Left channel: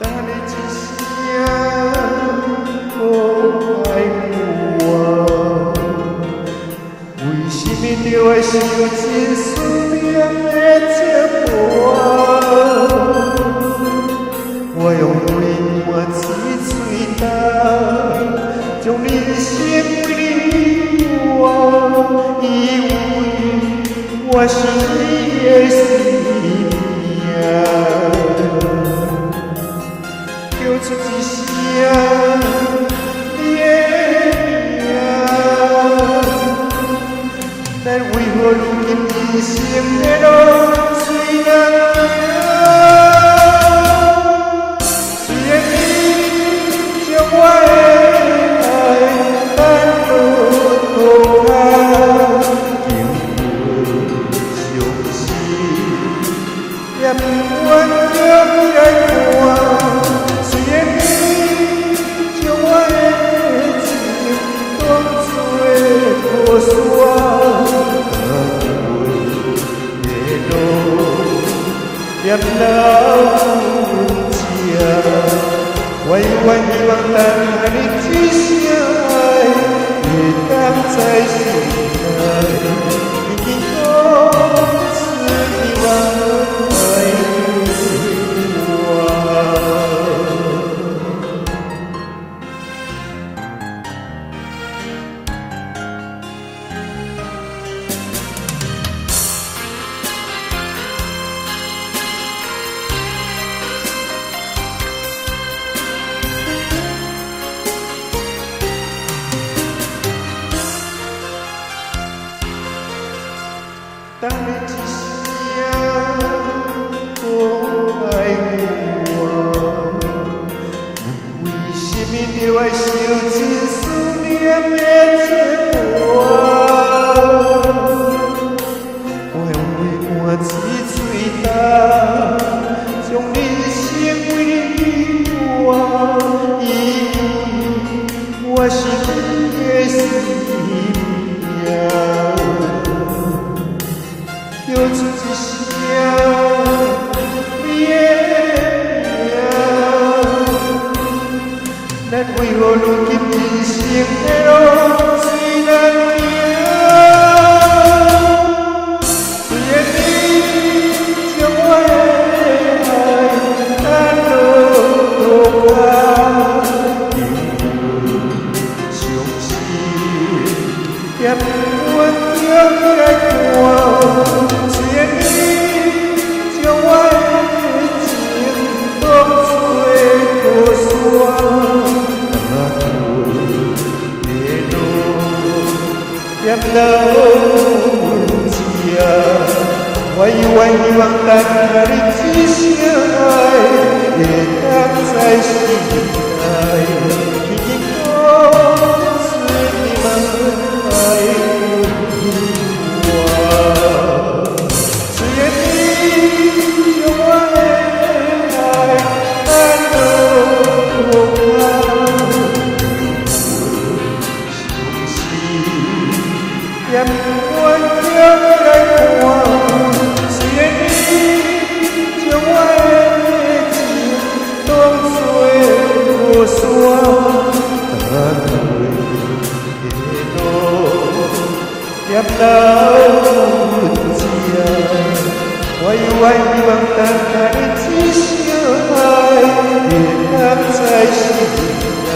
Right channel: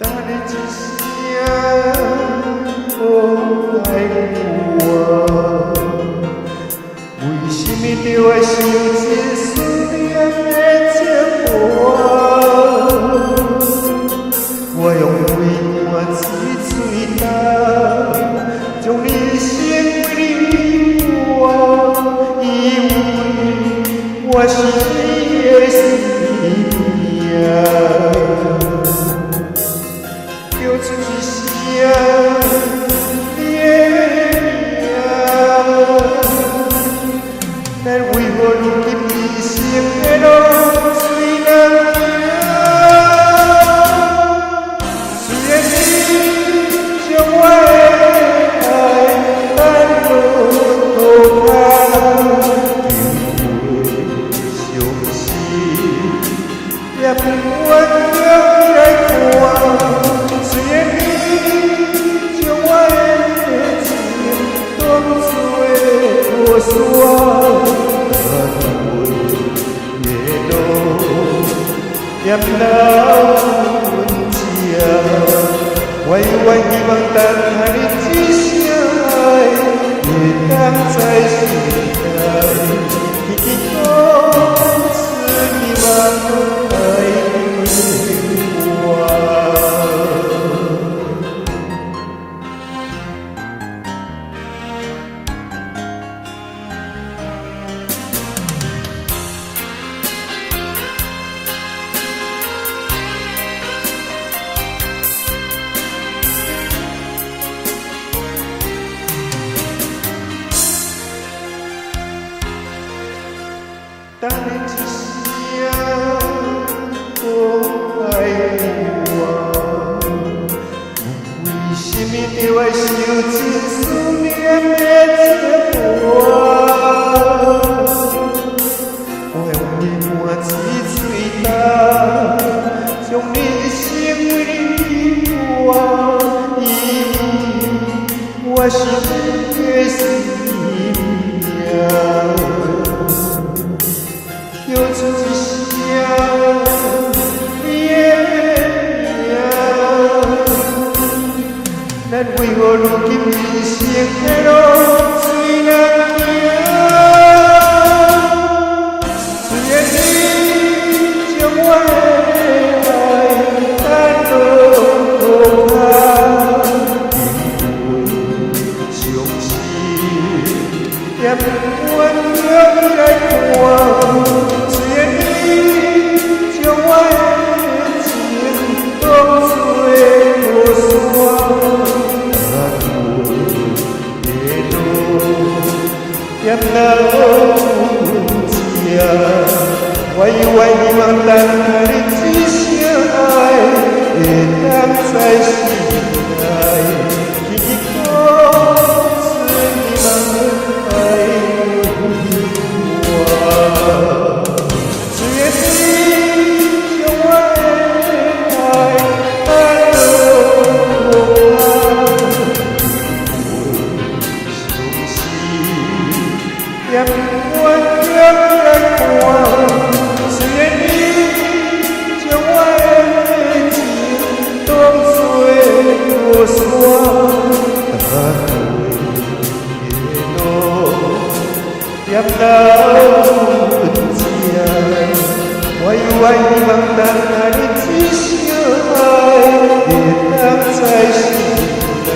等你一声无爱我，为什么着会受这思念的折磨？我用泪汗之嘴干，将人生为你活，以为我是你的生命。叫出一声你的名，但为何如今人生的路随人行？虽然你将我的爱放落土骹，经过伤心，也不愿叫你来看。虽然你将我的情当作雨伞，踏过的路，也留阮这。我永远希望等下你一声爱，会当在心内，轻轻讲出你望爱我。等你一声讲爱我，为什么着会受这思念的折磨？我用泪汗之嘴干，将人生为你活，以为我是你的生命。叫出一声你的名，咱为何如今人生的路随人行？虽然你将我的爱放落土骹，经过伤心，也不愿叫你来看。虽然你将我的情当作雨伞，踏过的路，也留阮这。我永远希望等下你一声爱，会当在心内，轻轻讲出你望爱我。虽然你将我的爱放落土骹，经过伤心，也不愿叫你来看。虽然你将我的情当作雨伞，踏过的路，也留阮这。我永远希望等下你一声爱，会当在心内。